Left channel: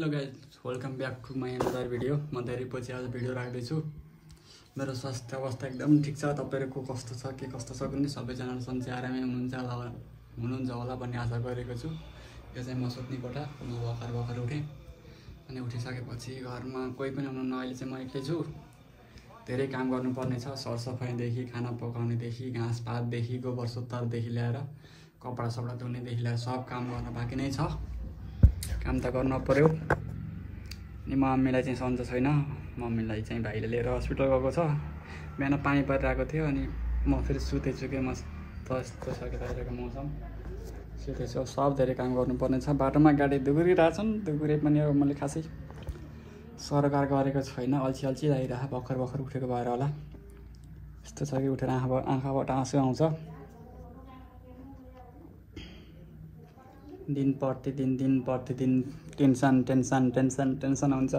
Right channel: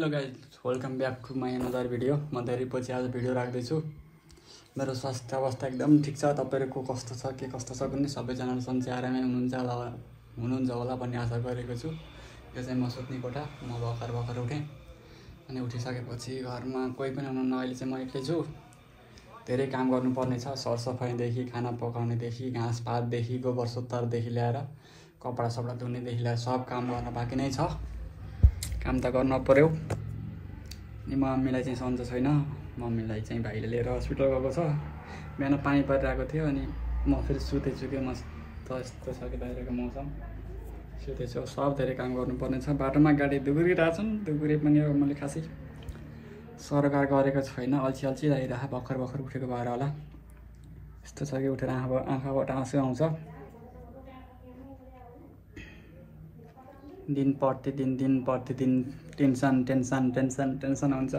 Hello guys, welcome back to my another video. म धेरै पछि आज भिडियो राख्दैछु। मेरो स्वास्थ्य अवस्था एकदम ठिक छ। तपाईहरुको कस्तो छ, के कस्तो छ भन्ने सबैजना सन्चै आरामै हुनुहुन्छ होला भन्ने आशा गरेको छु। यो चाहिँ म सुत्ने कोठा। म भर्खर उठेँ अनि उठिसकेपछि घरमा कोही पनि हुनुहुन्न। अहिले चाहिँ म एक्लै छु। धेरै काम गर्नुपर्ने छ। सरसफाइदेखि खाना पकाउनेदेखि घाँस पातदेखि गोबर सोत्तरदेखि ल्याएर कपडा सपडा धुनेदेखि ल्याएर सब काम गर्न बाँकी नै छ। काम त गर्न पर्यो। अनि मम्मीलाई चाहिँ सन्चो छैन। मम्मीलाई चाहिँ भाइले लिएर हस्पिटल गएको छ। बिहान पानी परिरहेको थियो अनि म फेरि सुतेछु के मस्त यस्तो छ कि बाहिरको मौसम। सुतेछु। सब धेरै काम गर्नुपर्ने छ। बाटोमा गाडी दुगुरिरहेछन्। दुगुरे पनि अब मैले खासै सरकार गरेको छैन। अल्छी लागिरहेको भर्खर उठेको भएर होला। यस्तो छ कि उठेर आँखाबाट आँसु आउँछ। दिन प्रतिदिन टेन्सन हुन्छ।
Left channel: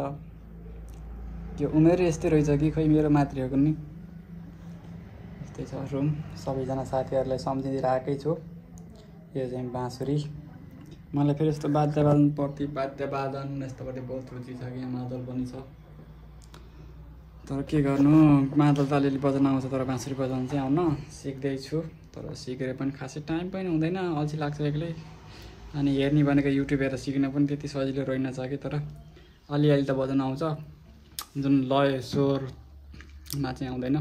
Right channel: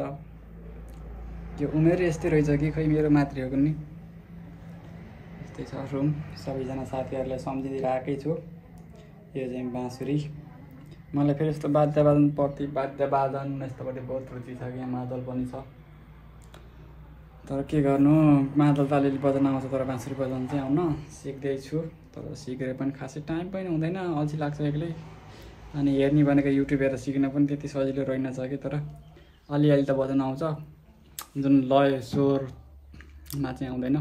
यो उमेर यस्तै रहेछ कि खै मेरो मात्रै हो कुनै। यस्तै छ रुम। सबैजना साथीहरूलाई सम्झिदिरहेकै छु। यो चाहिँ बाँसुरी। मलाई फेरि यस्तो वाद्यवादन यस्तोपट्टि बहुत रुचि छ कि मादल पनि छ। तर के गर्नु, मादल त अलिअलि बजाउन आउँछ तर बाँसुरी बजाउनु चाहिँ आउन सिक्दैछु। तर सिकेर पनि खासै टाइम पनि हुँदैन, अल्छी लाग्छ एक्लै। अनि हेर्ने भनेको युट्युब हेरेर सिक्न पनि त्यति सजिलो रहेनछ कि, तर अलिअलि त बजाउन आउँछ। जुन लय स्वरमा चाहिँ आउँदैन।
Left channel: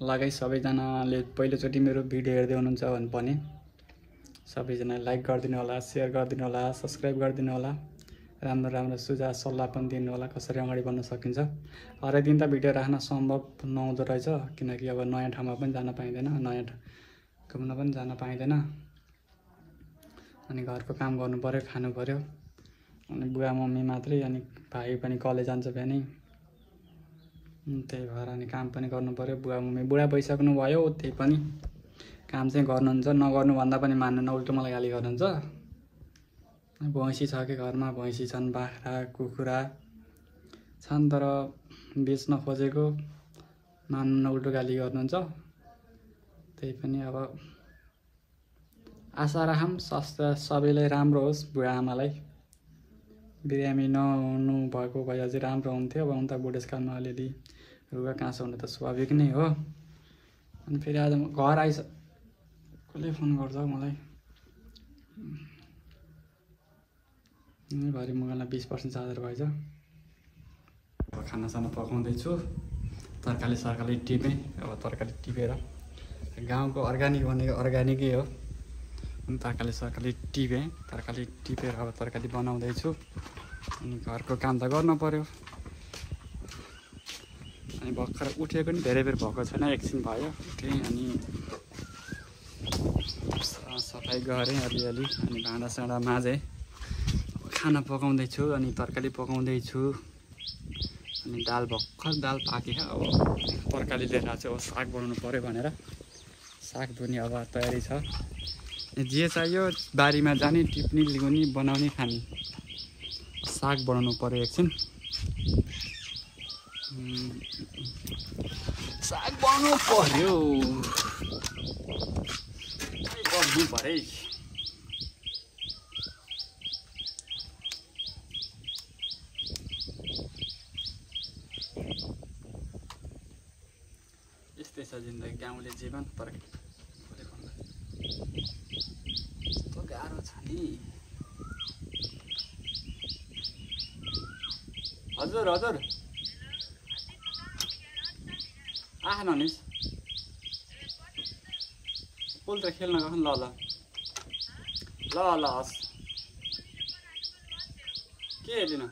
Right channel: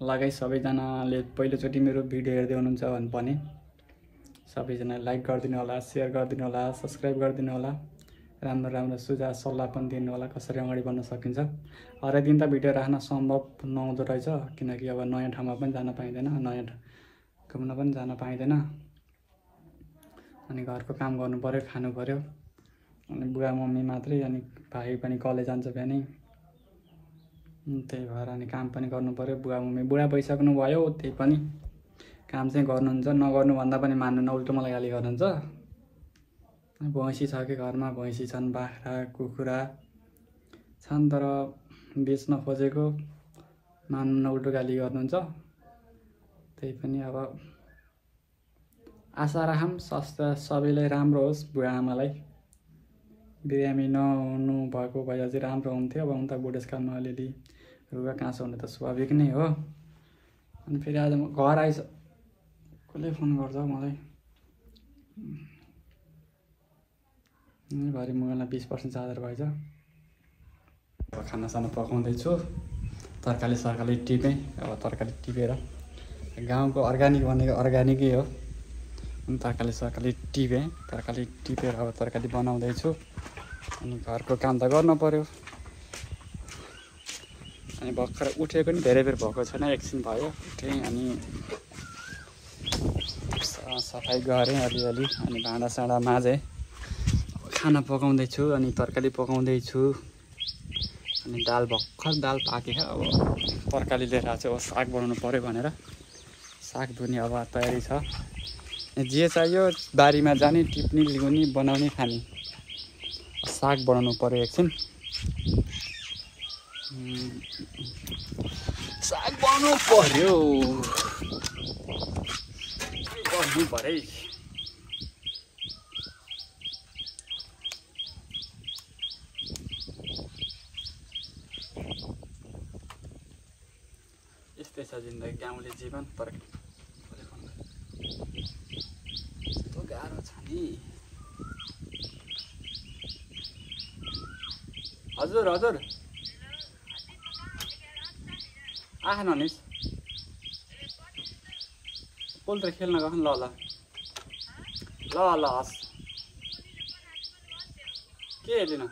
लगाइ सबैजनाले पहिलोचोटि मेरो भिडियो हेर्दै हुनुहुन्छ भने सबैजना लाइक गरिदिनु होला, सेयर गरिदिनु होला, सब्सक्राइब गरिदिनु होला। राम्रो सुझाव सल्लाह पनि दिनु होला कसरी अगाडि बढ्न सकिन्छ। हरेक दिन त भिडियो राख्न सम्भव नहुँदो रहेछ, किनकि अब नयाँ ठाउँमा पनि जान पाइँदैन, नयाँ घुम्न पनि जान पाइँदैन। अनि घरको काम गर्नु पर्यो, खानु पर्यो। अनि बुवा मम्मी मात्रै, अनि भाइ पनि कलेज जान्छ बिहानै। त्यही भएर अनि काम पनि गर्नु पर्यो। बुवा मम्मी बुढा भइसक्नु भयो, त्यही पनि काम चाहिँ गर्नुहुन्छ। नगर्नु भन्दा पनि मान्नुहुन्न, उल्टो मलाई गाली गर्नुहुन्छ। भैँसी छ कि घरमा, भैँसी छन्, बाख्रा कुखुरा छन्, तर बेच्न खोजेको मान्नुहुन्न, उल्टो गाली गर्नुहुन्छ। त्यही पनि अब आशा राखौँ स्वास्थ्य सबैलाई राम्रो होस्। बुढा आमालाई बिरामी नहुनु भएको भए अझै राम्रो हुन्थ्यो। अब हुन त बुढेसकालमा अलिअलि रुगा काँसो हुनु त स्वाभाविक नै हो। अनि फेरि आज म घर कसले फोन गर्छ मलाई। भरे मोबाइलमा 20% चार्जर भएछ। अब खानासाना पकाउँदैछु। तरकारी सरकारी टिपेँ। अब तरकारी टिपेर गाउँको अर्ग्यानिक भनेको अर्ग्यानिकै हो। अनि तरकारी टिपेर अब तरकारी बनाउँदैछु। अनि घरको काम त गर्न पर्यो। अनि भर्खर उठेको नि धेरै बेर भएको छैन, एकछिन भयो उठेँ। अनि सफाइ गरेँ अलिअलि। अनि भाँडासाँडा माझेँ। खाना पकाउँदैछु अनि तरकारी पकाउँदैछु। अनि भर्खर दाल पाकेको। अब तरकारी लिएर चाहिँ अब साग बनाउनु पर्यो भनेर साग धुने अब तयारी छ। जे चाहियो बारीमा जाने, टिप्ने, ल्याउने, बनाउने, खाने। साग बनाउनु पर्यो एकछिन। साग बनाउनु पर्यो। गर्नु पर्यो। यस्तै छ जिन्दगी, गाउँले जीवन। तर यस्तो गाह्रो छ नि। हजुर आख ननिस पोल्ट्री खेल्न गएको ल हस्। के हेर्दिन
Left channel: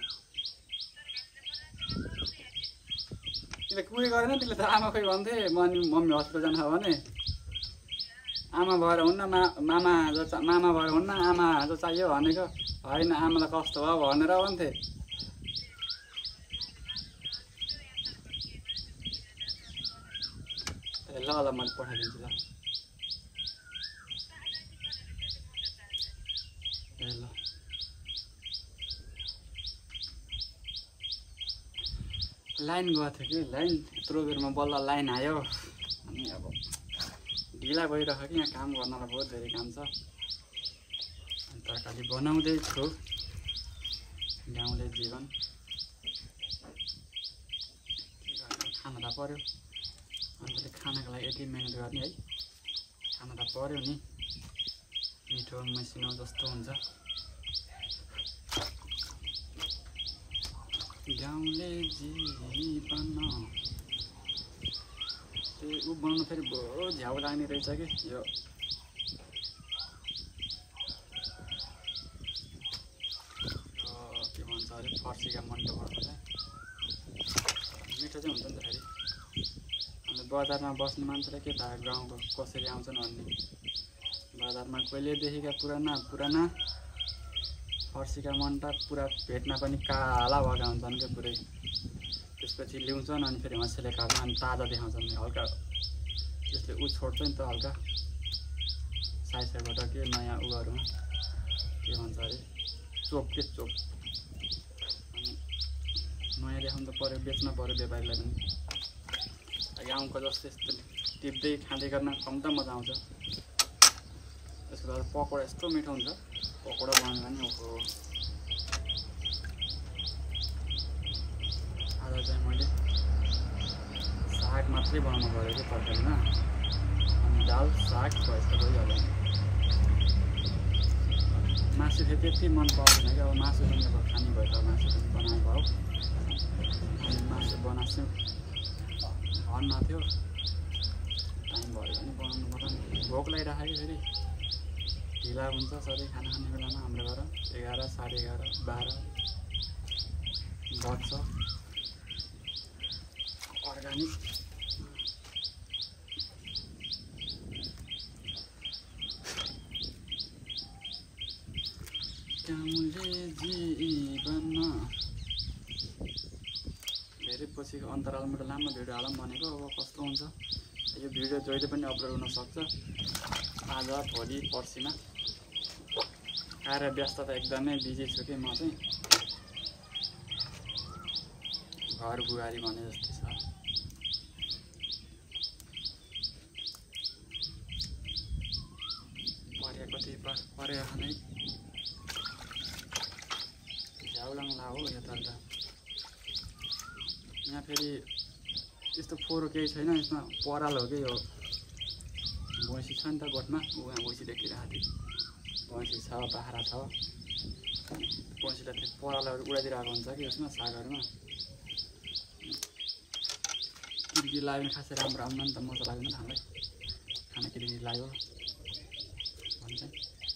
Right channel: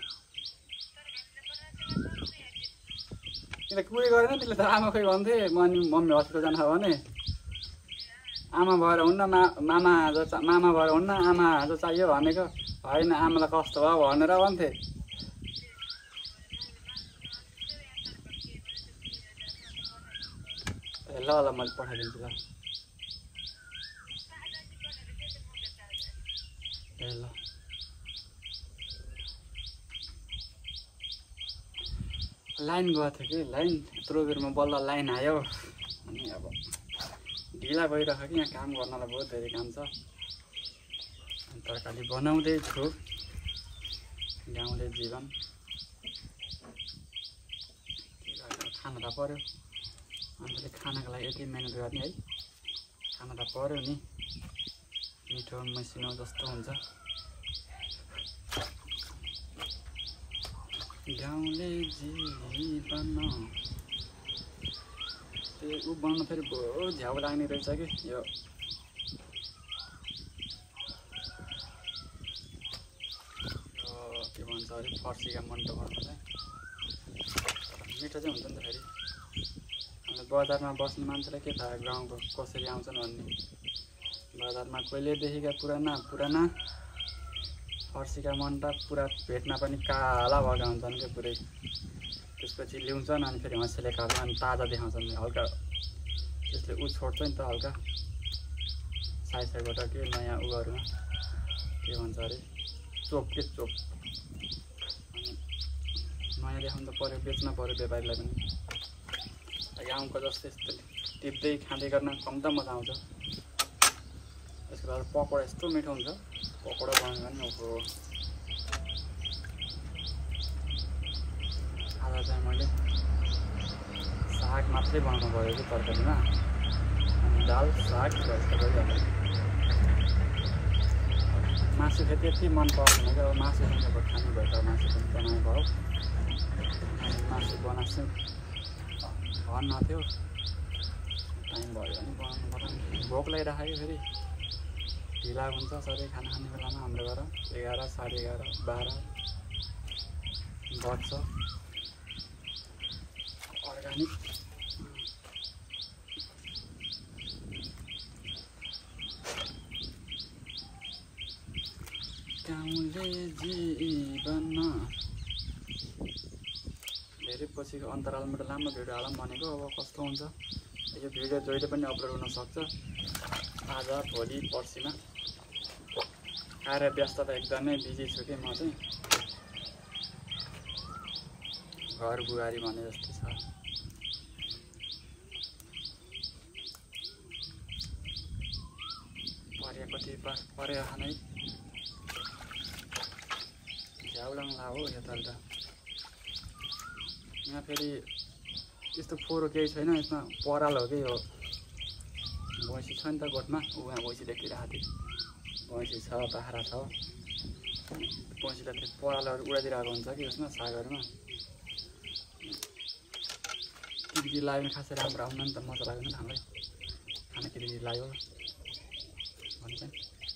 तिमीले कुरी गरेन। त्यसले त आमा खोइ भन्थे मम्मी हस्पिटल जान भने आमा भएर हुन्न, मामा भएर हुन्न, आमा जो चाहियो भनेको होइन, आमालाई कस्तो भयो भनेर भन्थे। ल मैले पठाइदिन्छु ल। ल लाइन गएको थियो कि, लाइन यत्रो बेरमा बल्ल लाइन आयो। अनि अब ढिला भइरहेको कि यहाँ काम गर्नलाई बहुत धेरै काम छ। तरकारी बनाउँदैछु। गाउँले जीवन खाना त पर्यो हामीले खानाको लागि यति मेहनत गर्ने है खाना त पर्यो नि मिठो मसिनो जस्तो हुन्छ गाउँले जीवन त्यो उ बनाउनु फेरि बहुत झ्याउ लाग्ने रहेछ कि यो के भन्छ अरे फर्सीका मन्टो बनाउनु चाहिँ मिठो चाहिँ हुन्छ नि त फेरि हामीले बजारमा बस्ने मान्छेलाई के थाहा गाउँको कसरी आउँछन् भन्ने बजारमा कहिलेदेखिका पुराना फर्सीका मन्टा पुरा भेटमा पनि काला भएका हुन्छन् क्या पुरै त्यसपछि ल्याउँछन् अनि फेरि हँसेले खाल्छन् अनि ताजा देखाउँछन् हल्का त्यसले उ छोड्छ नि त हल्का साइडबाट के नयाँ उयोहरूमा के भन्छ अरे चोप के चोप अनि नयाँ देखाउनु त पऱ्यो बेच्न पऱ्यो व्यापारीलाई पनि गाउँको जस्तो यस्तो टिप्दै खाँदै गर्न कम त मजा आउँछ त्यसको बाद पकौडा यस्तो मिठो हुन्छ पकौडा बनाउनु भने ओहो आज चाहिँ मैले साग मात्रै बनाउनु पऱ्यो कि तरकारीमा अनि दाल साग भयो त भइहाल्यो मासु फेरि त्यति मन पर्दैन क्या अब मासु पनि अब खाने भयो त मासु पनि बनाउनु भयो अनि मासु बनाएको भन्न थियो टाइम भयो भने बनाउनु पर्यो नि भोक लागिरहेको कि फेरि ढिला हुन्छ सधैँ खाना खाने बेलामा हाम्रो घर 11 साढे 11 12 बज्छ अर्ग्यानिक गाउँले जीवन धेरै पछिको अन्तरालमा त लामो भिडियो हालौँ भनेको अब कस्तो हुन्छ यो भिडियो जहिले पनि अपलोड हुन सक्छ आज भोलि पर्सिमा कार्य व्यस्तता एकदमै बिजी छु कि म चाहिँ घर बुहारी भने जस्तै छ पर्या कति पर्या खानै झ्याउलाङ्ला हो यो त यहाँ फेरि त्यस्तो फोहोर केही छैन यसमा पराल हो कि यो भैँसी छ नि त गोठमा यहाँ भैँसी देखिरहेको थियो भैँसी छ बाख्रा छ भैँसीलाई फेरि परालहरू उडाइदिरहेको हुन्छ कि यसमा सागहरूमा किर्की लाग्यो खासै राम्रो आउन नि त मजा लाग्दैन हामीलाई खाना किर्की लाग्यो भने चाहिँ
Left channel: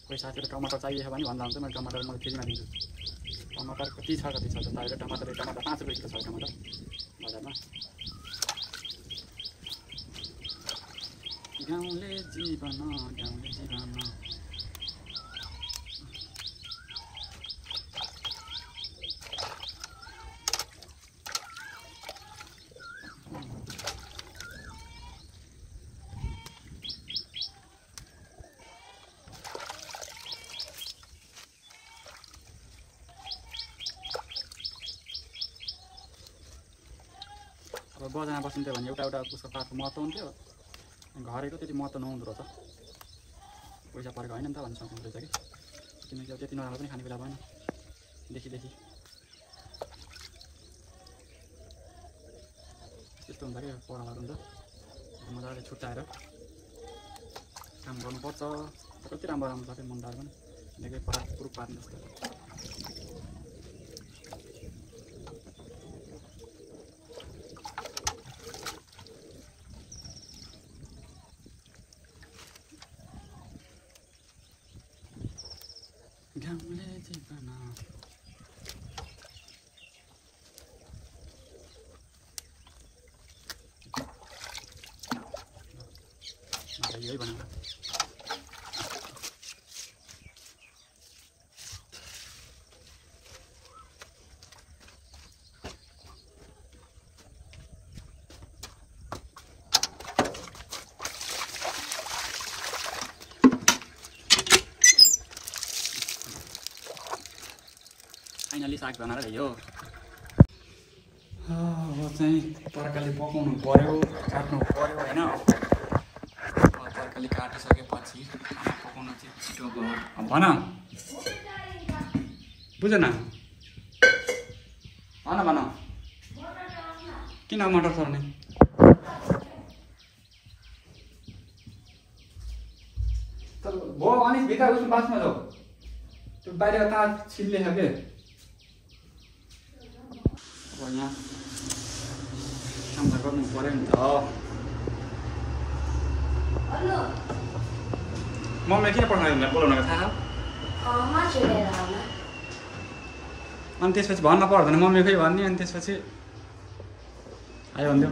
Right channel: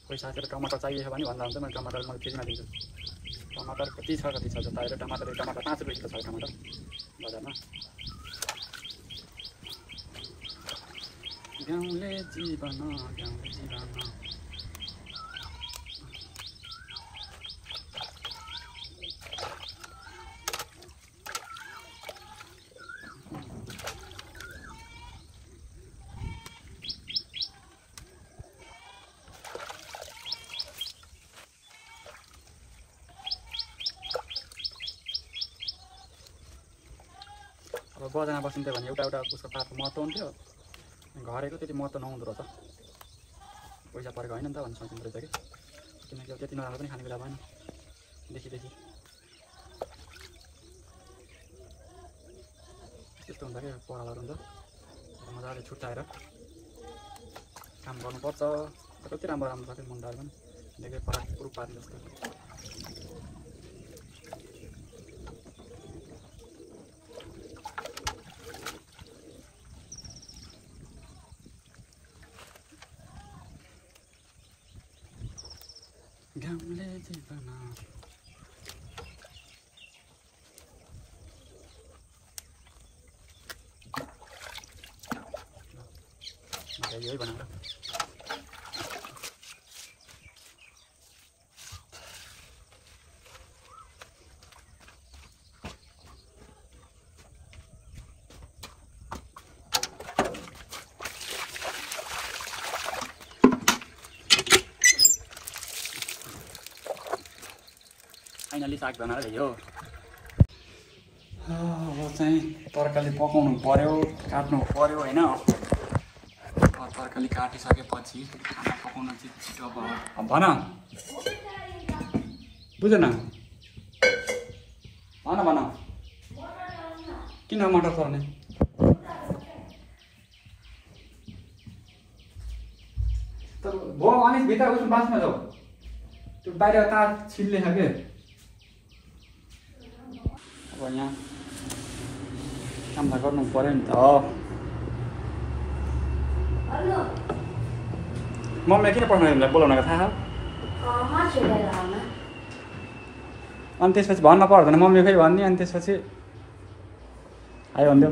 कोही साथीहरू टमाटर चाहिएको भने भन्दा हुन्छ मैले टमाटर मैले फ्रीमा दिन्छु टमाटर कति छ बाहिर टमाटर 5 रुपियाँ किलो छ टमाटर बजारमा गाउँले जीवन अब बजारमा बसिन्थ्यो भने एउटा उसको पातको महत्त्व हुन्थ्यो घरेको त्यति महत्त्व नहुँदो रहेछ पैसा परेको होइन नि त भन्ने सोचिँदो रहेछ कि किनकि अब त्यति नराम्रो पनि खाने बेला भएन देखि त्यस्तो हुन्छ कि परालहरू हुन्छ मजाले छुट्याएर काम गर्नुपर्छ तर कति राम्रो छ कि मुन्टाहरू पनि देखेँ पुरुख पार्ने जस्तो गाउँले जीवन यही बनाएर फाइनली साग बनाएर ल्यायो अब चाहिँ तरकारी पकाउनु पर्यो काट्नु पर्यो होइन तरकारी काटिसकेपछि खाना पकाउनु चाहिँ छिटो अब भन बुझेन भन भन किन मटर चढ्ने भो अनि भित्र उस बासमा जाऊ त्यो बाहिर तार छिल्ने छ के अब यहाँ काम त गर्नु पर्यो नि त मम्मीले किन पठाउनु तिमीलाई बोलाउनको थाहा अनि त्यसपछि भन्न पर्दैन मम्मी खै भन्ने अनि त्यसपछि आयो भन्थ्यो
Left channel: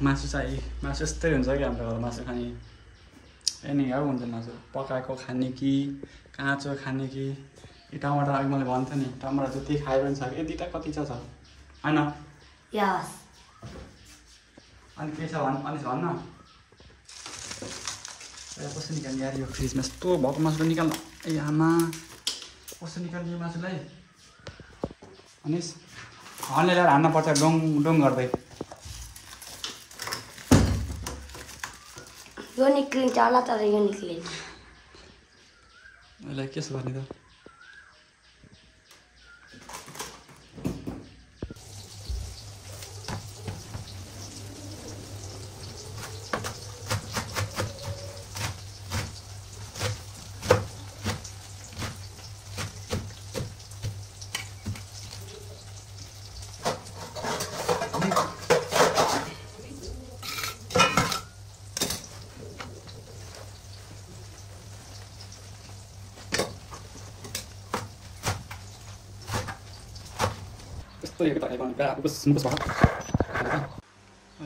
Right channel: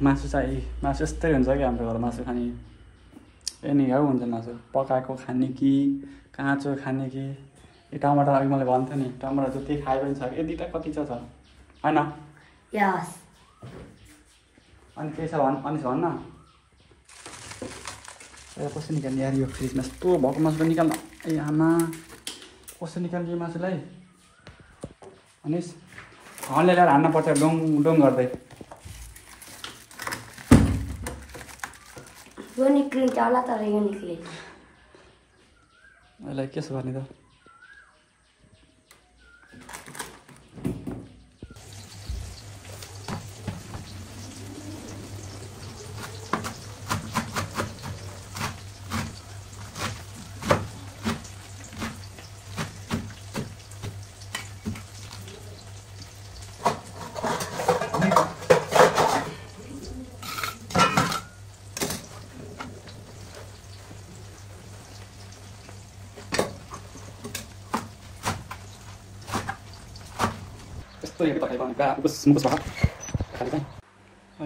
मासु चाहिँ मासु यस्तै हुन्छ कि हाम्रो घरमा मासु खाने एनी हाउ हुन्छ मासु पकाएको खाने कि काँचो खाने कि यो टमाटर अघि मैले भन्थेँ नि टमाटर जति खाए पनि छ यति त कति छ होइन अनि के छ अनि भन्न कसो निकाल्ने यार यो फ्रिजमा यस्तो भएको मासु निकाल्नु ए आमा कसो निकाल्ने मासुलाई अनि हनले ल्याएर हान्न पर्छ डोङ डोङ गर्दै यो निक्लिन्छ होला तर यो निक्लिन्छ यसलाई कसो गर्ने त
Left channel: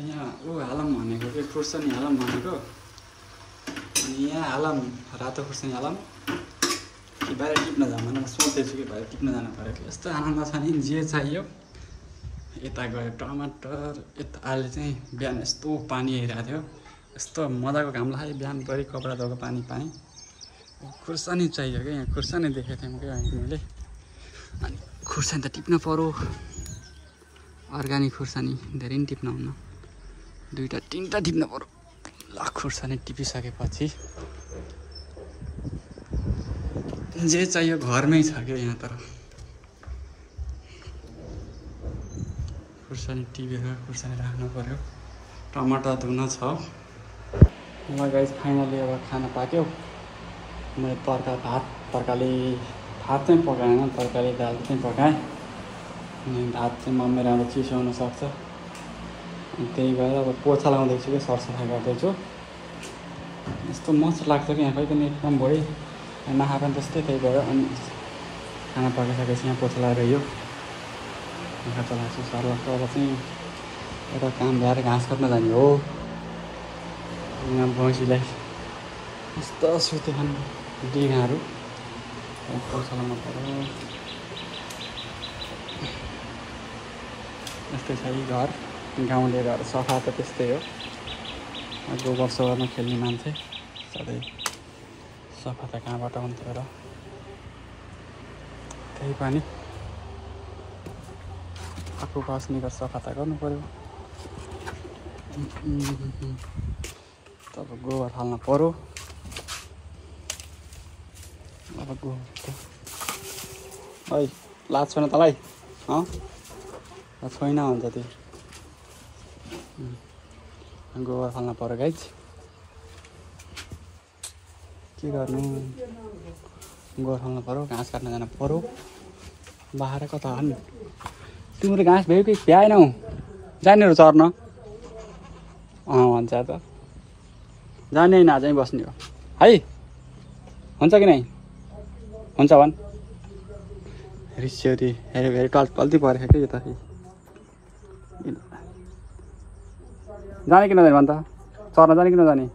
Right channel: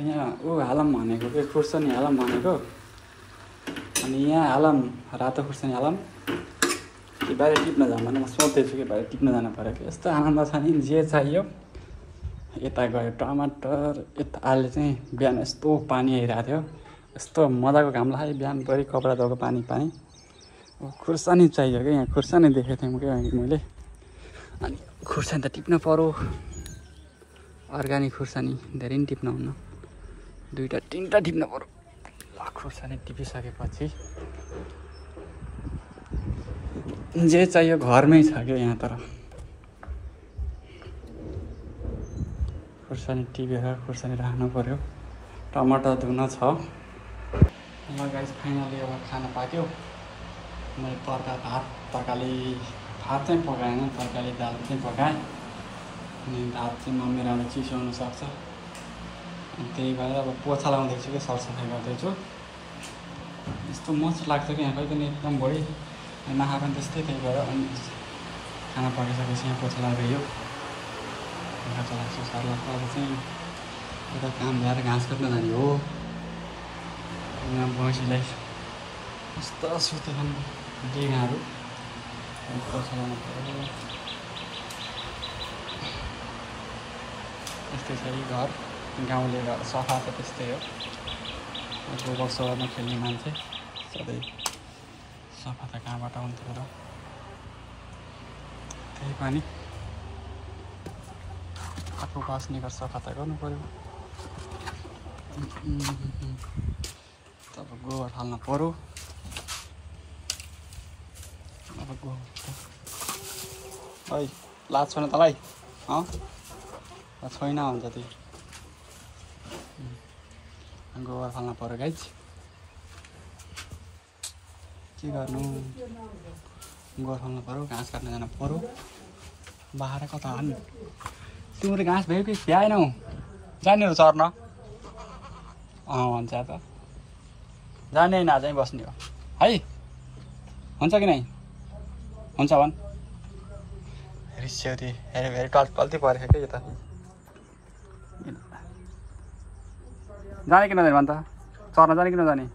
यहाँ ऊ हालम भनेको के खुर्सानी हालम भनेको अनि यहाँ हालम रातो खुर्सानी हालम कि बाहिर टिप्न जाऊँ भने म सोच्दैछु कि बाहिर टिप्न जानु पऱ्यो कि यस्तो आनन्द छ नि जे चाहियो यता गयो टमाटर यता आलु चाहिँ बिहान यस्तो पानी आइरहेको थियो यस्तो मजाको घाम लाग्यो बिहानभरि कपडा धोएको पानी पाएँ खुर्सानी चाहियो कि यहाँ खुर्सानी देखेको थिएँ क्या मैले अनि खुर्सानी त टिप्न पर्यो अर्ग्यानिक खुर्सानी धेरै नि टिप्न हुन्न दुईवटा तिनवटा टिप्न पर्यो ल खुर्सानी टिपिसकेपछि जे चाहियो घरमै छ क्या यहाँ तर खुर्सानी टिपेर खुर्सानी राख्नु पर्यो टमाटर धुन छ गाइस फाइनली अब खाना पाक्यो मैले तरकारी भात चाहिँ पकाएन तरकारी दाल चाहिँ पकाएँ अनि भात चाहिँ मम्मी राम्रो चिसो हुनसक्छ त्यही भएर अब पोछा लगाउँदैछु कि सरसफाइ गर्दैछु यस्तो मस्त लाग्छ कि यहाँ खै पनि काम भयो नखाएको पनि त्यस्तै त्यही भएर अनि खाना पकाइसकेपछि यहाँ पोछा लगाएर यो चाहिँ एउटा काम भएर घाँस काट्न जाने हो भैँसीलाई यस्तो सुत्यो डिगाहरू पोछा लगाउनु पर्यो यस्तै छ घर गाउँले घर सफा त त्यस्तै हो गोबर सोबरमा खेल्ने मान्छे सबै सफा त कहाँबाट हुन्थ्यो र त्यही पनि आफू बस्ने घर सफा त गर्नु पऱ्यो तब गोबर हाल्नु पऱ्यो अब गोबर है लाग्छ न तँलाई छैन भन्छ त्यो गोबर फाल्न पर्यो गाइज के गर्नु गोबर फाल्न पर्यो घाँस काट्न जानु पर्यो बाहिर कता हाल्नु तिमीले घाँस भयो कि भ्याएनौ जानेहरू चर्न भन्छ त जाने होइन आजै बस्ने हो है हुन्छ कि नै हुन्छ भन् रिस्यौरी हेरे हेरे टल्ती परेको कि यता जाने कि नजाने भन् त चर्न जाने कि नजाने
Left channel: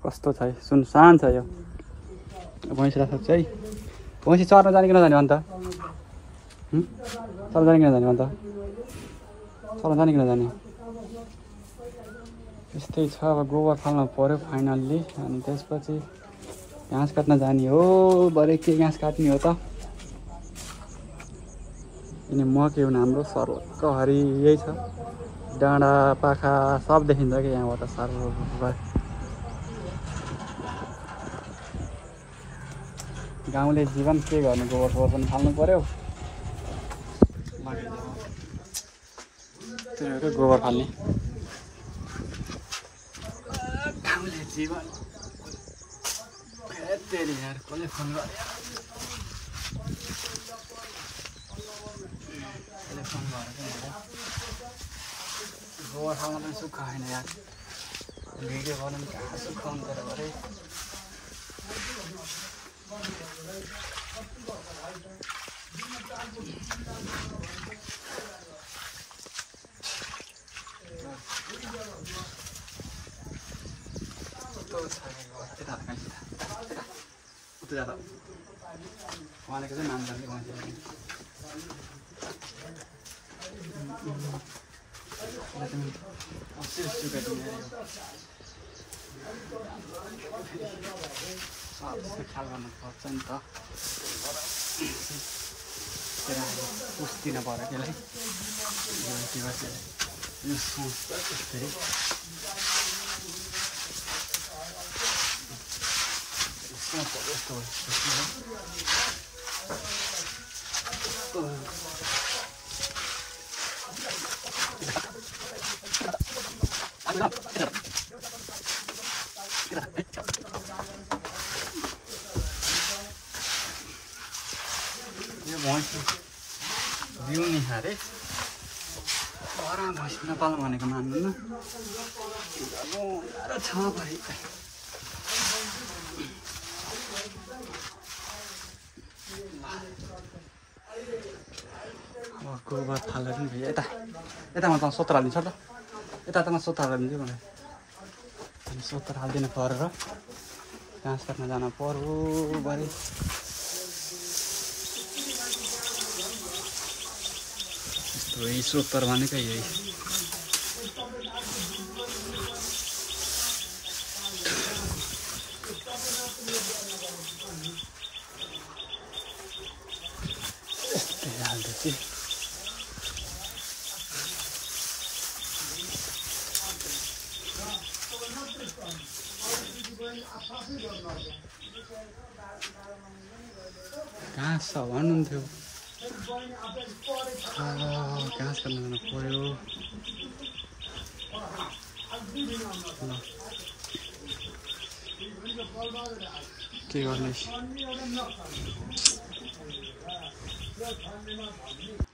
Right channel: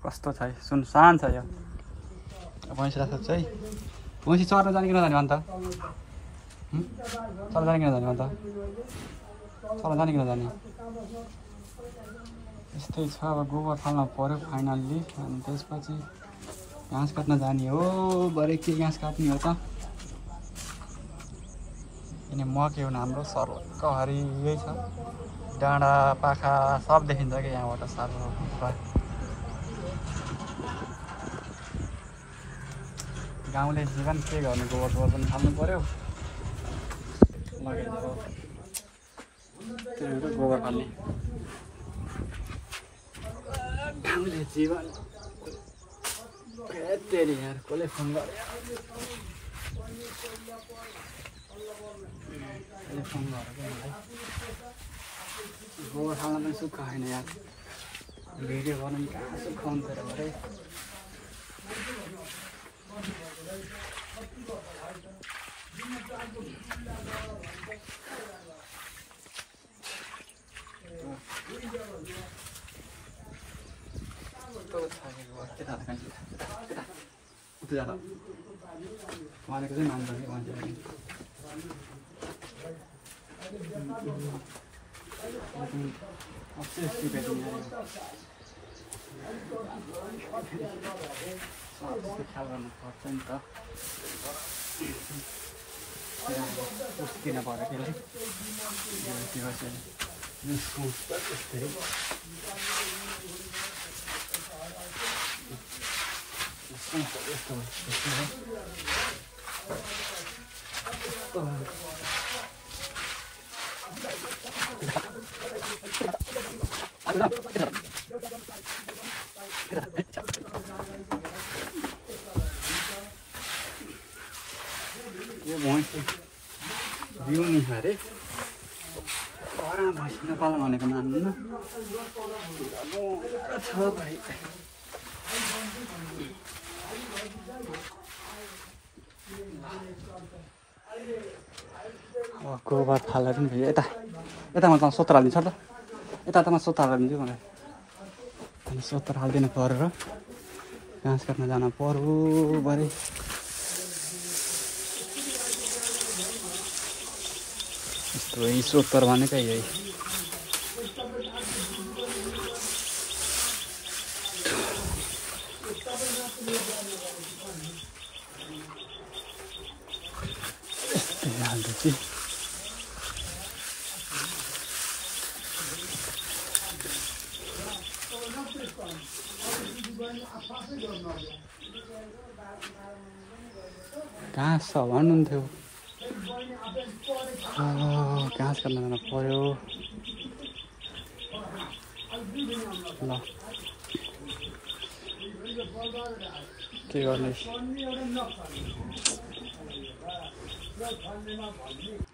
कस्तो छ है सुनसान छ यो भैँसी राख्छ है भैँसी चर्न जाने कि नजाने भन् त चर्न जाने कि नजाने भन् त चर्न जाने कि नजाने त्यस्तै छ अब गोबर फाल्नु पऱ्यो फाइनल्ली अनि त्यसपछि घाँस काट्न जाने हो भरे के घाँस काट्ने हो त अनि मकै हुने हाम्रो सर्वहरि यही छ डाँडा पाखा सब देखिन्छ कि यहाँबाट साह्रो गाउँले जीवन के गर्ने गोबर फोहोर पनि फाल्नु पर्यो त्यही हो गोबर फाल्ने गाउँले जीवन तेरी यार कसले फोन गर्यो गोबर खाना पनि सुख छैन यार भिडियो गर्नु पनि कहाँ सुख हुन्छ र भरे भनेको चाहिँ मान्छ ख्याल गर्नु पर्छ नि त पुस्दिन पर्यो त्यसलाई यो भैँस बिउ नि खारे भैँस नेपाल भनेको मान्नु छ भाइ गोबर फालेर पनि भयो यतामा त सोतर हालिदिन्छ त यतामा सोतर हालिदिन्छु मलाई सोतर हालिदिनु पर्यो घाँस काट्न जानु पर्यो बारे यही सोतर भनेकै यही घाँस छ भन्नुहुन्थ्यो घाँस काट्न जानु पर्यो ल के गर्ने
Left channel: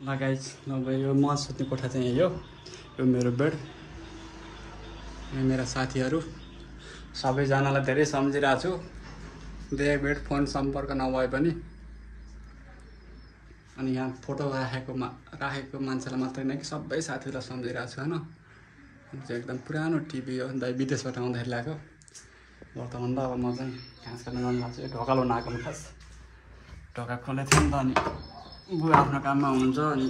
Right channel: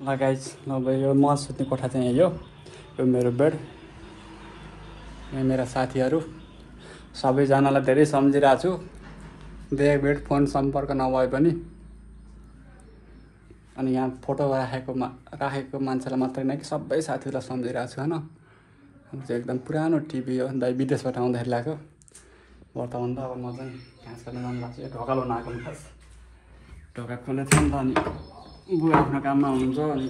ल गाइज अब यो म सुत्ने कोठा चाहिँ यही हो यो मेरो बेड यहाँ मेरा साथीहरू सबैजनालाई धेरै सम्झिरहेको छु देख बेड फोन सम्पर्क नभए पनि अनि यहाँ फोटो राखेको मान्छेलाई मात्रै नै सबै साथीहरूलाई सम्झिरहेको छु होइन चाहिँ एकदम पुरानो टिभी हो दाइ विदेशबाट आउँदाखेरि ल्याएको वर्तमान त अब म चाहिँ घाँस काट्न जानुभएको छु ढोका लाउनु आएको नि खास ढोका खोलेको छ नि त अनि बुवा आफ्नो काममा हुनुहुन्छ अनि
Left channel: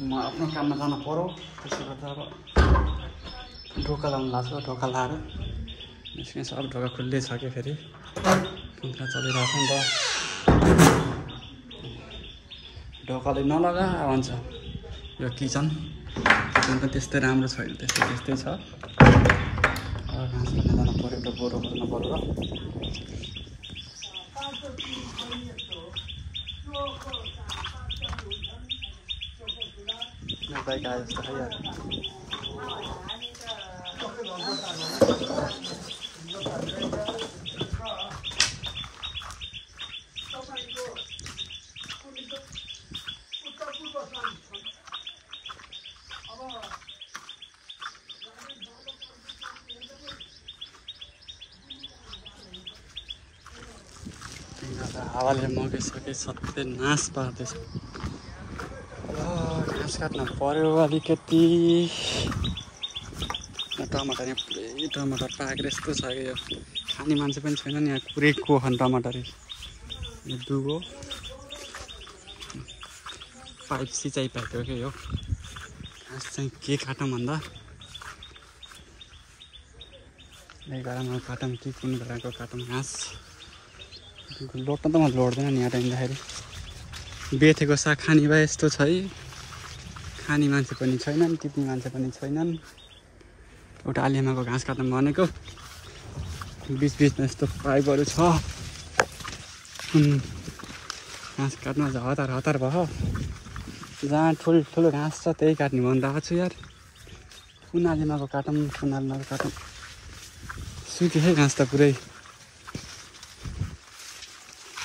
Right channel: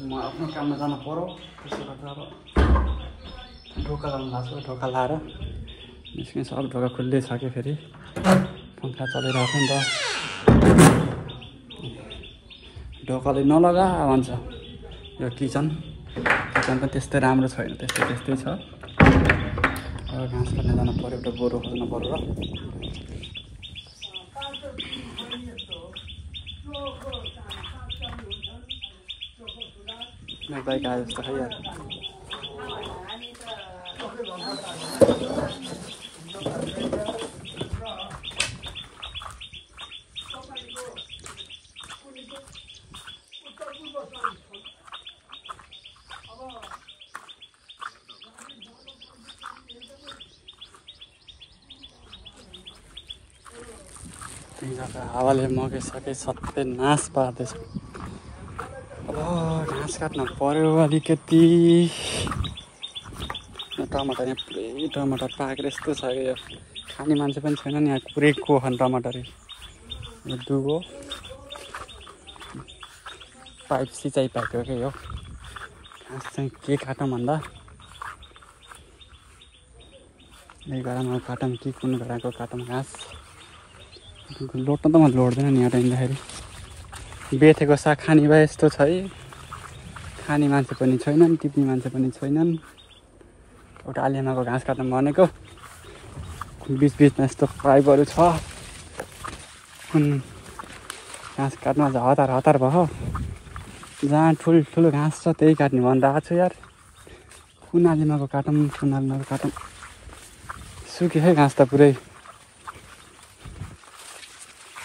म आफ्नो काममा जानु पर्यो त्यसो गर्दा अब ढोका लाउनु भएको छ ढोका लाएर निस्किनु सब ढोका खुल्लै छ कि फेरि पङ्खा चलिरहेको छ नि त ढोकाले नलगा भन्छ यो किचन त त्यस्तै राम्रो छैन त्यस्तै छ घाँस काट्न जानु पऱ्यो गोरु खोल्नु पऱ्यो हावाले मगिसके सबै नाश पार्दैछ घाँस काट्नु पर्यो अलिकति टमाटर यहाँ पुरै टमाटर पाकेर यस्तो छ कि यो खाने मान्छे पनि छैन नि यहाँ पुरै कोखन टमाटर यो दुगो पाइप सिँचाइ पाइप हो कि यो घाँस चाहिँ के काटौँ भन्दा यही गरामा काटौँ कि कुन गराको काटौँ घाँस लोट्न त म लोड्दैन नि यहाँ हिँड्दाखेरि बेथेको साग खाने भए यस्तो छ है खाने मान्छे पनि छैनन् टिप्ने मान्छे पनि छैनन् एउटा आलिमाको घाँस काट्न भनेको बिचबिचमा यस्तो पाइपहरू छ घाँस काट्नु अझ हतार हतार भयो। जहाँ ठुल्ठुलो घाँस छ त्यही काट्ने भनिरहेको छु यार। कुनालिमाको काटौँ सुक्यो है घाँस त पुरै।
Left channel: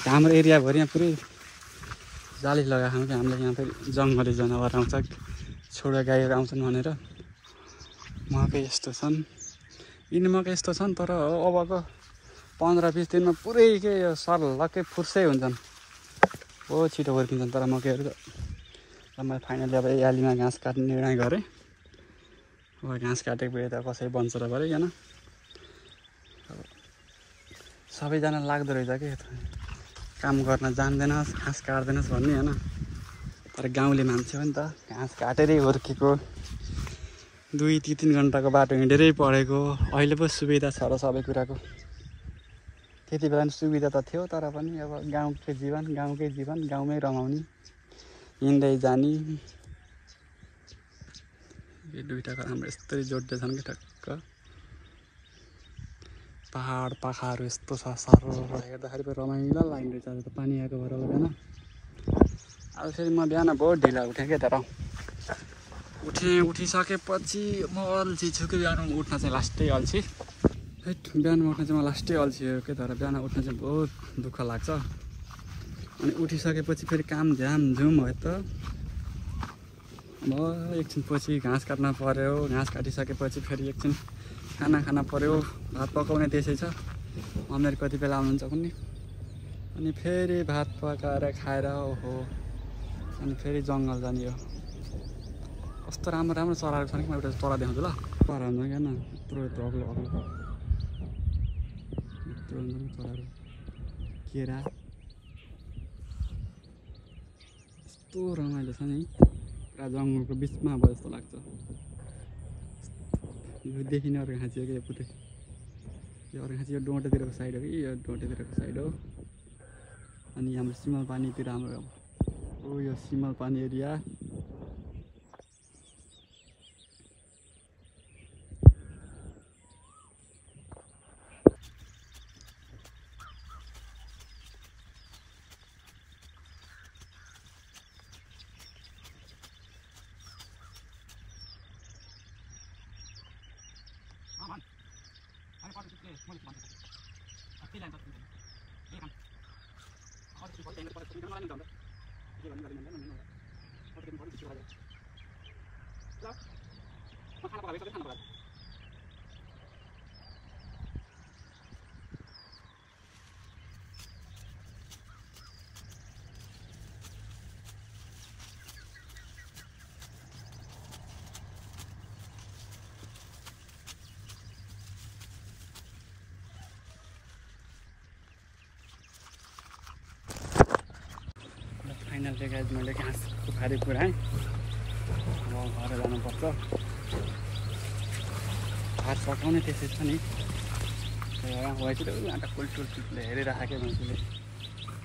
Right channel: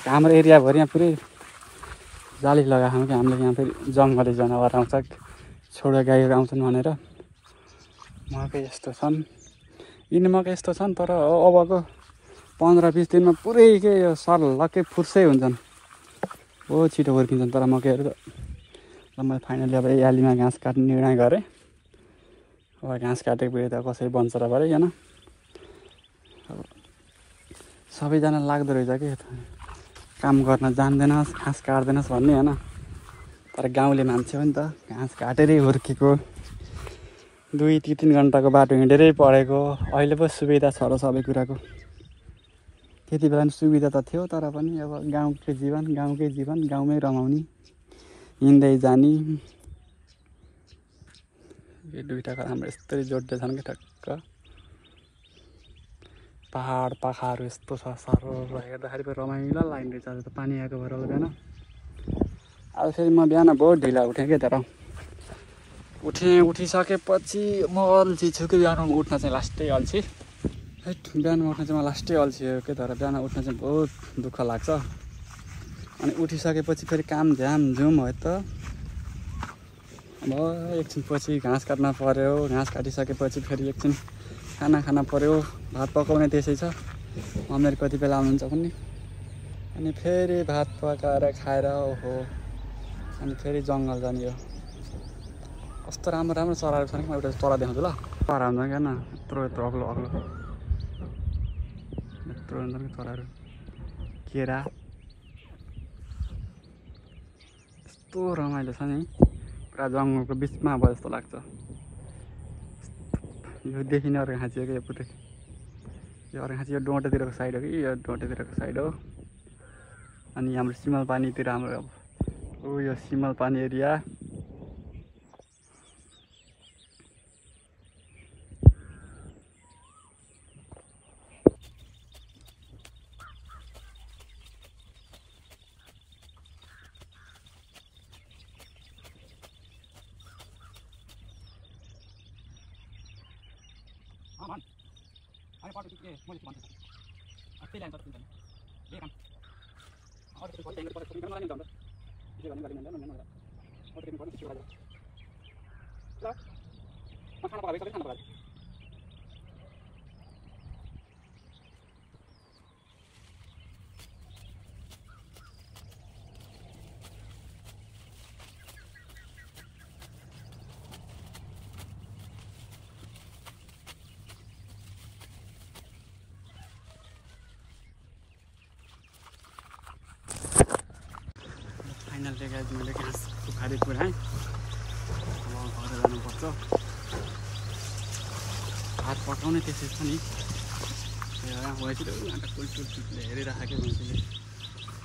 हाम्रो एरियाभरि यहाँ पुरै जाली लगाएको छ कि हामीले यहाँ फेरि जङ्गली जनावर आउँछ छोडा गाईहरू आउँछन् भनेर। मकै यस्तो छन् यिनी मकै यस्तो छन् तर अबको 15-20 दिनमा पुरै के यो सर्लक्कै फुर्सै हुन्छन्। बहुत छिटो हुर्किन्छन् तर मकैहरू त। मैले फाइनली लिएर यालीमा घाँस काट्ने निर्णय गरेँ। अब घाँस काटेको बेला त कसै बन्छ र भरिकन अब सबैजना लाग्दो रहेछ कि काम गर्न जान्दैनस् घाँस काट्दैनस् भन्ने होइन। तर गाउँले मान्छे हो नि त, घाँस काटेरै हुर्केको 2-3 घन्टाको बाटो हिँडेरै पढेको। अहिले पो सुविधा छ र सबै कुराको। त्यति बेला पनि सुविधा त थियो तर पनि अब गाउँकै जीवन गाउँमै रमाउने हिँड्दै जाने। यो दुईटाको हाम्रो यस्तरी जोड्दै छन् कि ठक्क पहाड पाखाहरू यस्तो छ साह्रो हेर्दाखेरि पनि रमाइलो लाग्ने रहेछ। आज त पानी आएको भएर होला बिहान। अब फेरि म बिहान बहुत ढिला उठेँ क्या तर उठिसकेपछि म अल्छी छु कि बिहान उठ्न चाहिँ लास्टै अल्छी। बिहान उठ्न चाहिँ म लास्टै अल्छी हो कि तर बिहान उठ्न चाहिँ बहुत दुःख लाग्छ। अनि उठिसकेपछि फेरि काम झ्यामझुम हो त। अब एकछिनपछि घाँस काट्न पऱ्यो। घाँस काटिसकेपछि फेरि एकछिन खाना खान पऱ्यो। भात पकाउने त्यसै छ। मम्मीहरू कति बेला आउनुहुन्छ कुन्नी। अनि फेरि भात पकाएर खाएर ओहो अनि फेरि जङ्गल जाने हो। कस्तो राम्रो चराहरू छन् कि म एउटा चरा देखाउँछु ल। चरा हुन्छ क्या यत्रो अग्लो यत्रो हुन्छ कि चराहरू। केरा यस्तो रमाइलो छ नि पुरा जङ्गलको बिचमा अब जस्तो लाग्छ। यो देखिने अर्घाँची हो कि यो पुरै यो अर्घाँची यो डोटेतिरको साइड हो कि यो डोटेतिरको साइड हो। अनि हाम्रो सिमलपानीतिर हाम्रो अब यो सिमलपानी एरिया। फाइनल चाहिँ गाइज मैले घाँस उखारी पुऱ्याएँ। अब घर जानुपर्छ। भात पकाउने त्यसै छ नि भैँसीले आँटा कुल्टुल्टुले हेरिराखेको भैँसीले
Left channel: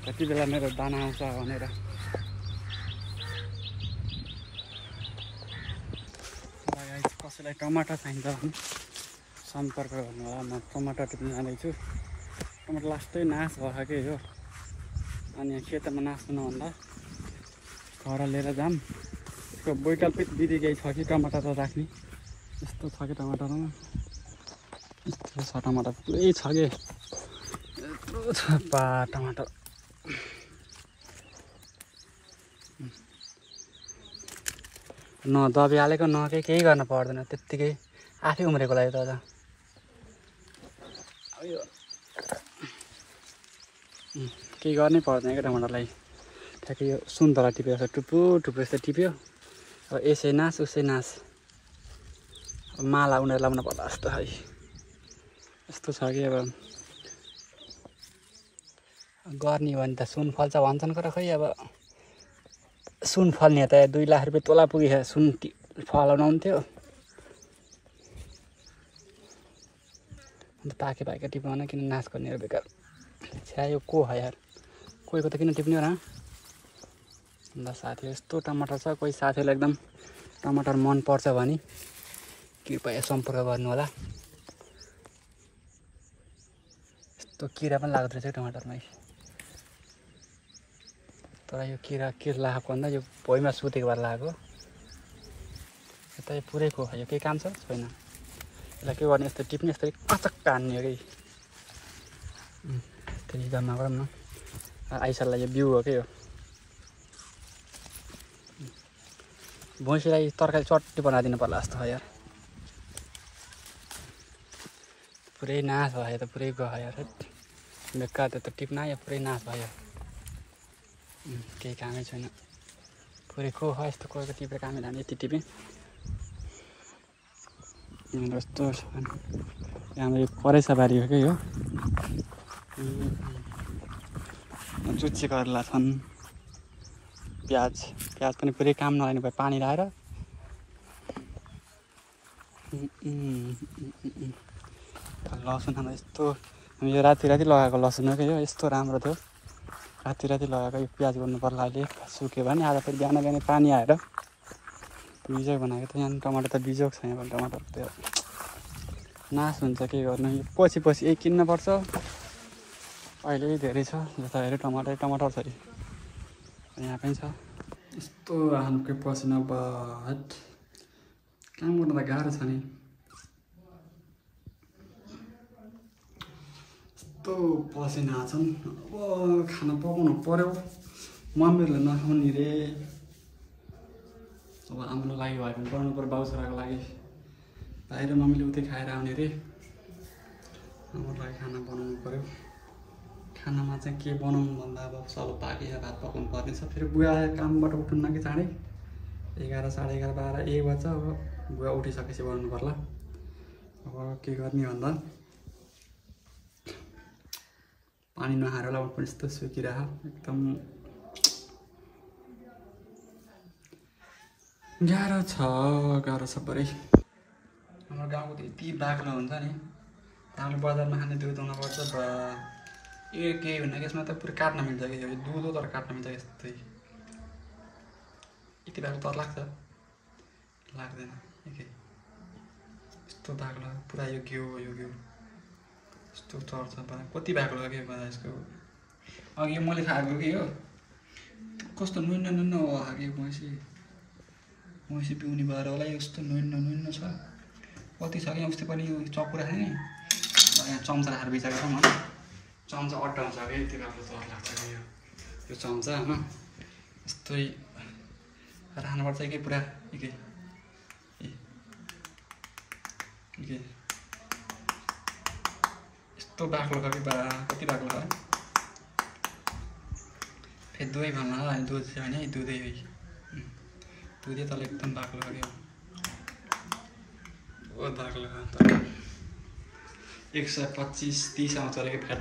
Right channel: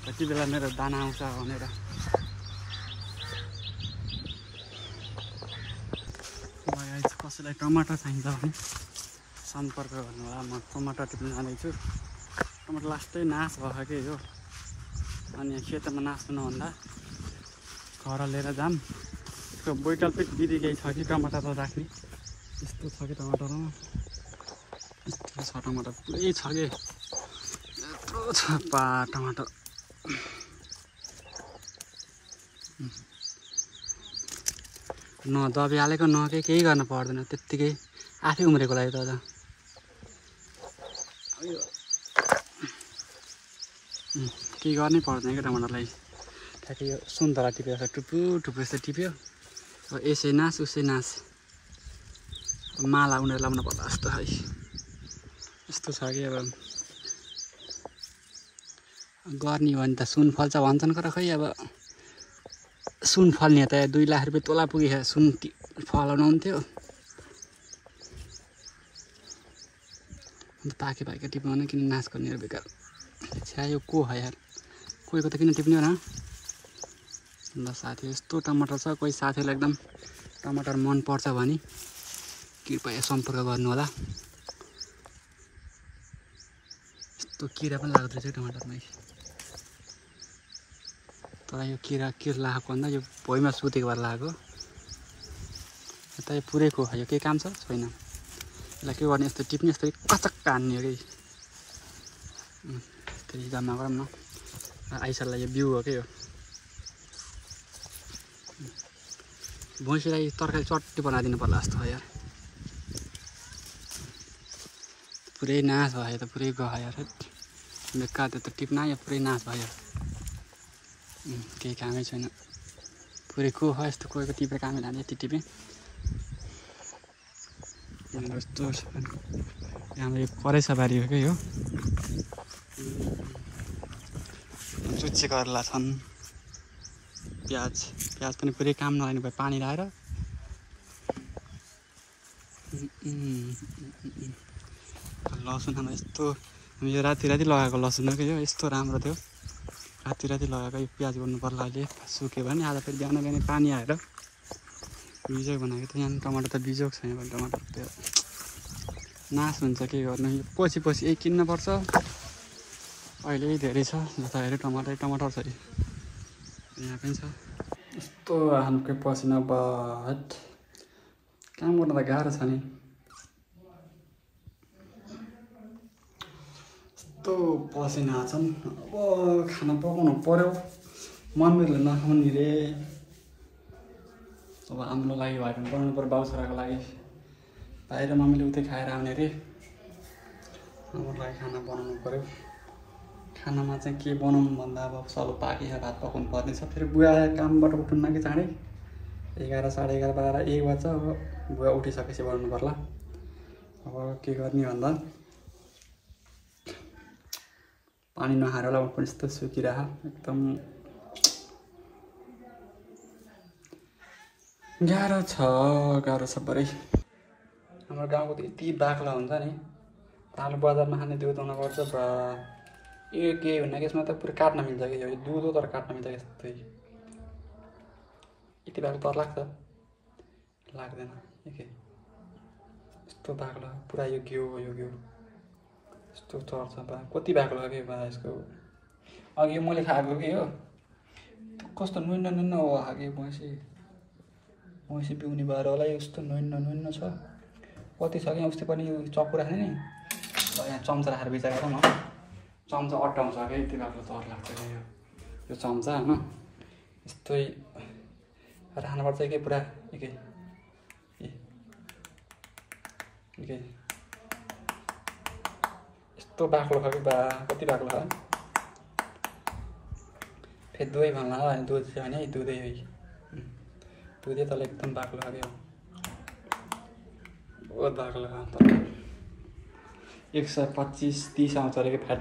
कति बेला मेरो दाना आउँछ भनेर। कसैलाई टमाटर चाहिन्छ भने सम्पर्क गर्नु होला। म टमाटर टिप्न जाँदैछु। टमाटर लास्टै नाश भयो कि हो। अनि खेतमा नाच्नु नभन्दा घर लिएर जाम। यसको वैकल्पिक विधि केही छ कि टमाटर त राख्ने यस्तो छ कि टमाटरमा यस्तो छ। टमाटर पुरै छ कि यत्रो छ टमाटर। न दबाई हालेको न केही गर्न पर्दैन त्यत्तिकै आफै उम्रेको लागि त यो केही गर्नै पर्दैन क्या टमाटरलाई। ठ्याक्कै यो सुन्तला टिप्यो जस्तो टुप्पो यस्तो टिप्यो। अब यसै नास उसै नास। अब माला उनीहरू लाउनु पर्ला जस्तो है यस्तो छ कि अब गर्ने भने त सुन फल्छ भन्छन् तर खै अब सुन फल्ने त 2 लाख रुपियाँ तोला पुगेको सुन फलाउनु हुन्थ्यो। अन्त पाके टिप्न किन नाश गर्ने बेकार। छ्या यो को हो यार कोहीको त किन टिप्ने हो र। ल साथी यस्तो टमाटर छ। कोही साथीलाई एकदम टमाटर मन पर्छ भने कृपया सम्पर्क गर्नु होला। यस्तो किरा पनि लाग्दो रहेछ टमाटरमा। तर यो किरा के लागेको भन्दा यो भुइँमा सुतेको भएर लागेको यता यो पुरैको यो केही काम छ छैन यसलाई के गर्ने यस्तो टिप्ने यस्तो कचक्क हान्ने हो कि त्यही जम्मा गरौँ न आइसल्ला यो बिउ हो क्या यो भैँसीलाई तरकारी चट्टी बनाइदिनु पर्ला जस्तो यार पुरै नाश भयो त पुरै गयो यार बेकार त्यो त टिप्न यो पुरै नाश भयो केही कामै छैन पुरै को हो यस्तो कोहीको टिपेर कामै लाने यति टिपेँ यस्तो छ हाम्रो यो करेसाबारी हो क्या यो चुच्चे करेला छन् प्याज पनि पुरै काम नलाग्ने भयो पानी लगाएर लसुन हाम्रो यस्तो हामी यो राति लगाएको लसुन हो क्या यो यस्तो राम्रो थियो राति लगाएको यो प्याज गर्नु पर्ला अहिले सुक्यो भने आज फेरि बिहान पानी आएर बिजोग बनाएको त यहाँ टमाटर त बिजोग छ यहाँ टमाटर त्यो नाश हुन्छ के गर्नु यो पछि यही किन्नुपर्छ अहिले धेरै छ जता हेऱ्यो टमाटर छ यहाँ पनि छ यस्तो हाम्रो पसिना बहुत काम गर्नु त गाह्रो छ नि यस्तो पसिना छन् अब खाना पकाउनु पर्यो मम्मीहरूले नखाउने रे अब हाम्रो लागि भयो भने बनाउनु पर्यो बाउ छोराको लागि बाहिर मम्मीले उतै खाएर आउने रे हाम्रो लागि खाना बनाउनु पर्यो खानामा चाहिँ के बनाउनु भन्दा अब सब बाँकी छ भात पकाउनु पर्ने छ फेरि बुवा कामबाट उठ्नु कि चाँडै 11 साढे 11 12 1 बज्छ अब बुवा उठिसकेपछि बनाउनु पर्ला अब के गर्ने भन्दा पानी नखाएर होला पनि यस्तो सुकिरह एकदम गाह्रो छ बरै हाम्रो गाउँको त यति बाक्लो हुन्छ नि हाम्रो बजारमा खाने दुध आउनुपर्छ के भन्दा यसमा त पुरै काट्न मिल्छ कि यो दुध हो तर काट्न मिल्छ यस्तै यति बाक्लो तर लाग्दैन यस्तो बाक्लो पुरा यो घिउ यस्तो चर्छ कति बाक्लो के यसको अघि यो मैले खाएको कि हो कस्तो नुन्न हो कि भैँसी पिउने भएर होला यस्तो नुन्न छ कति छ कि उस्तै पनि यो चकुरा खाने यहाँ चम्चा राखेर बिचारेको म चम्चा अट्टाउँछ क्या यति बाक्लो तर लाग्छ यो चम्चा होइन यस्तै राख्नुपर्छ कि पुरा एकै यस्तो बाक्लो छ कि कति बाक्लो छ फेरि दुधै भन्ला दुध छ भने दुधै तल एकदम बाक्लो छ कि बहुत बाक्लो छ 125-30 आउँछ अरे कि फ्याट